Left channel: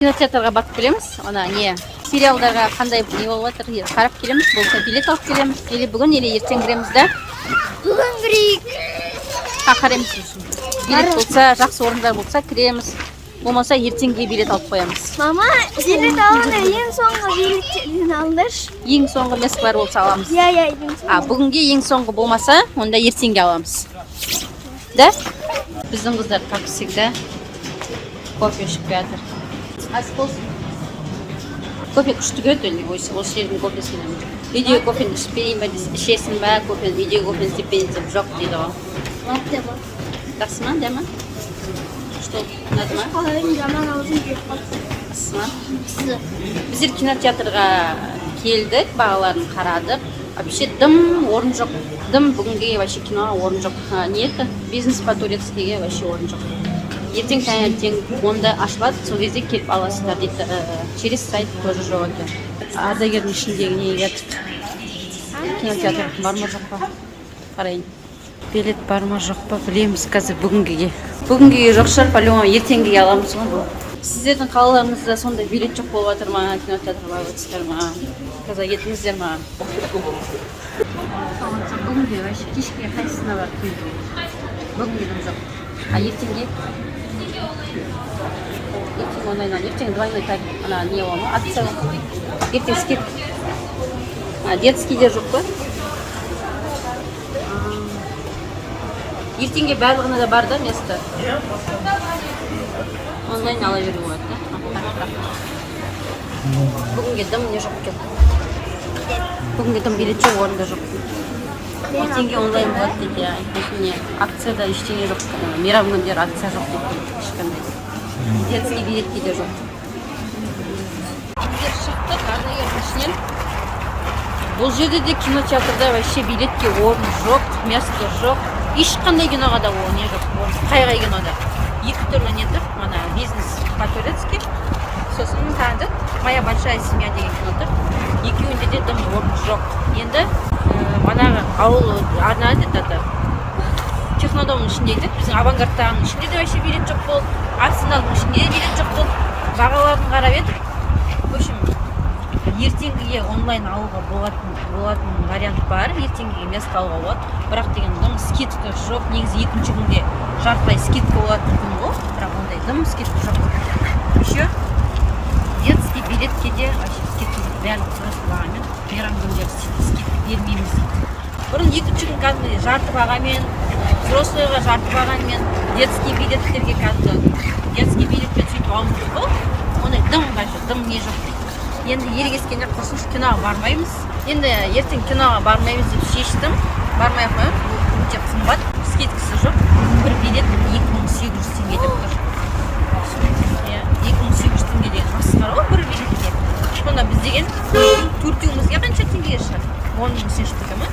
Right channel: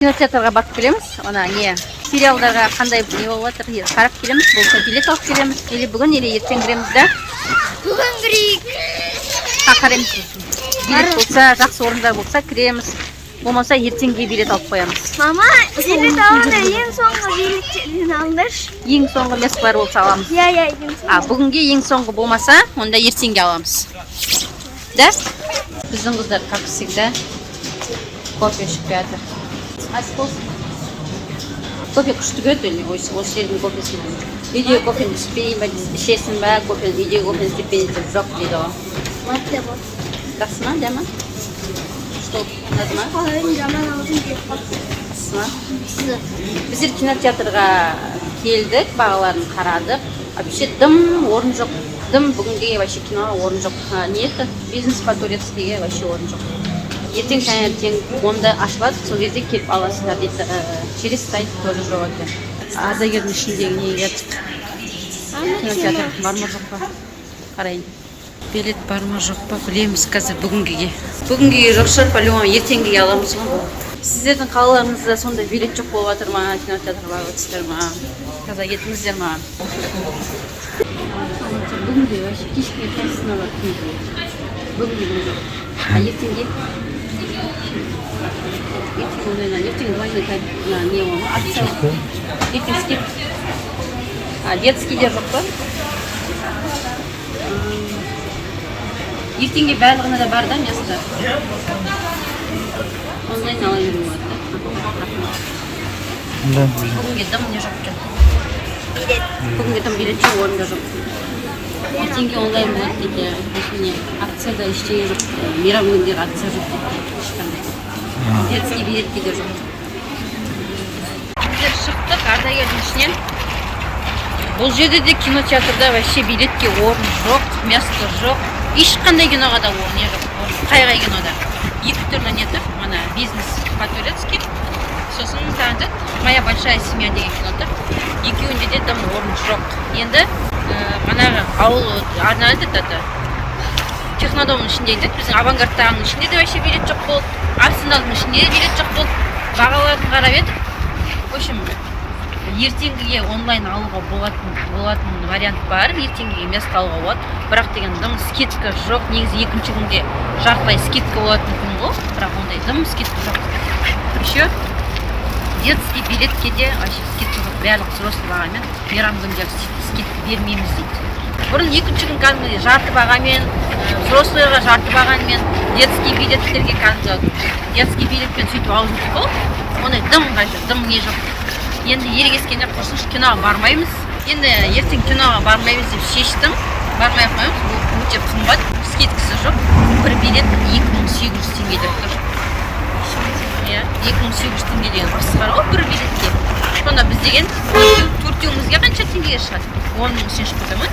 Кинотеатрға барып келеміз. Ана не сериалдарға қандай не болып жатыр, қарап келеміз. Болса билет алып келеміз. Или бүгін, или ертең кіреміз да. Бүгін кірейік. Қараймыз. Билет болса, жақсы орындар болса кіреміз. Болмаса ертеңге билет алып қоямыз. Мама, билет алғанда ең соңғы билеттерден алыңдаршы. Ең соңғы место бар болса аламыз. Иә, ең соңғы. Бүгінге ең соңғы болмаса, онда ертеңге аламыз. Да? Біздің қыздар, как всегда, кофе ішіп жатыр. Кофе күшті көрді, осы жердің кофесін. Үйдегі кофені ішпейін ба, ішесің ба, кофені үйдегі кофені істепейін деп жоқ дейді ғой. Маты бар. Жақсы ма, дәмі? Что, ұнады ма? Қалайын жаман аузым деп қалды. Жақсы ма? Біздер кинотеатрға келдік, бағаларын қарадық. Вообще дым, орын жоқ. Дым бүгінге вообще киноға орын жоқ. Не это? Бизнес по-турецкиге вообще орын жоқ. Ертең таңертең 10-да ашылады, сол кезде келіп аласыздар дейді. Через сайт тоже жоқ екен. Ардагердің ішінде не жатыр? Кинотеатр бар ма жоқ па? Қарайын. Билет бар ма жоқ па? Білеміз қазір бүгінгіге. Бүгінгіге жоқ шығар, по-любому ертеңгіге аламыз ғой бұл. Сіздердің қалаларыңызда сондай билет жоқ болып жатыр ма? Кинотеатрға барып өтсіздер ма? Қазір етіңіздер ма? Бүгінге вообще кешке қайсысына бар? Бүгінге жоқ. Ертеңге? Ертең двойной не ол ма? Акция. Ертең скидка. Детский де жоқ та? Ертеңге барлығына да бар да место? Онлайн ала беру болады. Бүгінге дым не жоқ екен. Бүгінге дым билет жоқ, орында жоқ. Ертеңге онлайн болады дейді. Әшіне акцияда ештеңе жоқ. Мейрам күндері акция жоқ дейді. Детский билетке де жоқ. Біздер шықтық ардагердің ішінен. Бұл жерде де кинотеатрда вообще билетке орын жоқ, место жоқ. Ешқандай киноға да не жоқ, орын. Қай кинода. Екі түрлі не тұр. Мана бизнес по-турецки. Сосын таңды «Моя большая семья» деген кино тұр. Екеуінде де дым орын жоқ. Енді манағы ауыл арнады да. Технодомның ішінде дейді, біздің авангардтағының ішінде де вообще билет жоқ болды. Арсеналдың ішінде де билет жоқ болды. Бағаларын қарап едік. В общем, ертеңгіге онлайн алуға болатын вариант бар. Ертеңгіге место алуға болады. Бірақ деген дым скидка жоқ. Негізі екінші күнде жартылай скидка болатын күн ғой. Бірақ ондай дым скидка жоқ. Еще детский билетке де вообще скидка жоқ. Барлық взрослый бағамен мейрам күндері скидка бермейміз дейді. Бұрын екінші күн кәдімгідей жарты бағамен, взрослыйға жарты бағамен, детский билеттерге кәдімгі детский билетпен сөйтіп алып жүрдік қой. Ондай дым қайшы, дым не жоқ. Енді ерегескенде құрсыншы киноға бармаймыз. Енді ертең киноға бармаймыз деп шештім. Бармай қоймыз, ол өте қымбат, скидкасы жоқ. Бір билет 2800 теңге деп тұр. 2800 теңге деген масқара ғой бір билетке. Сонда біз деген төртеуімізге қанша теңгеге шығады? 10 үшін шықты ма?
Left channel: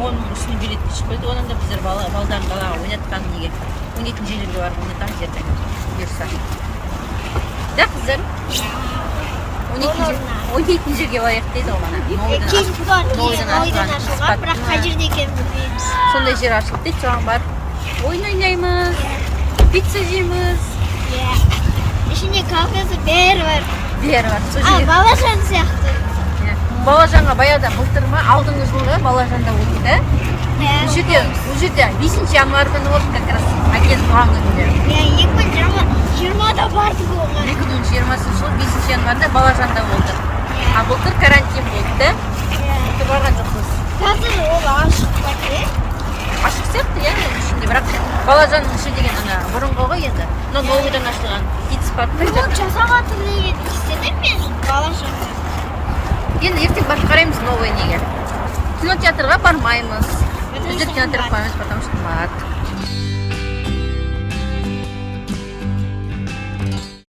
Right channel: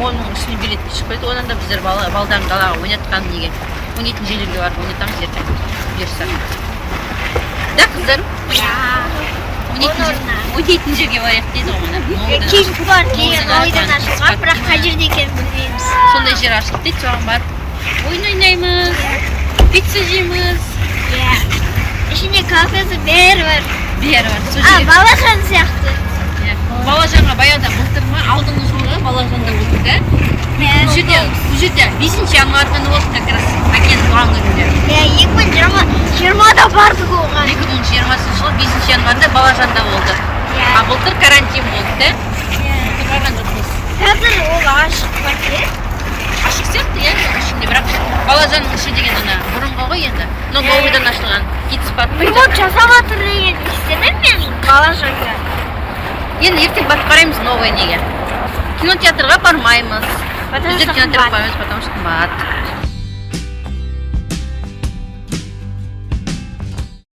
10 үшін билетке шықпайды. Онан да біздер балдан далаға ойнатқан неге. Ойнайтын жерлерге барып ойнатамыз ертең бұйырса. Да, қыздарым? Ойнайтын жерге барайық дейді ғой мана. Кешкі бар, кейін ойдан ашылған, бірақ қай жерде екенін білмейміз. Сондай жер ашылды дейді, соған барып ойын ойнаймыз, пицца жейміз. Ішінде кафесі бәрі бар. Бәрі бар. Балажан сияқты. Балажанға баяғыда былтырма алдыңғы жылы Балажанда өтті да. Ол жерде 5 январь күні болды как раз әкенің туған күнінде. 2020-да бардық оған. 2020 жылы 5 январьда Балажанда болды. Былтыр карантин болды да. Былтыр барған жоқпыз. Қазір ол ашық па ке? Ашық сияқты ішінде, бірақ Балажанның іші деген ана бұрынғы ғой енді. Новыйдан ашылған китспарк. Ремонт жасап жатыр деген естідім мен Балажанда. Енді ертең барып қараймыз новый неге. Кинотеатрға бармаймыз. Біздер кинотеатрға бармаймыз, потому что қымбат.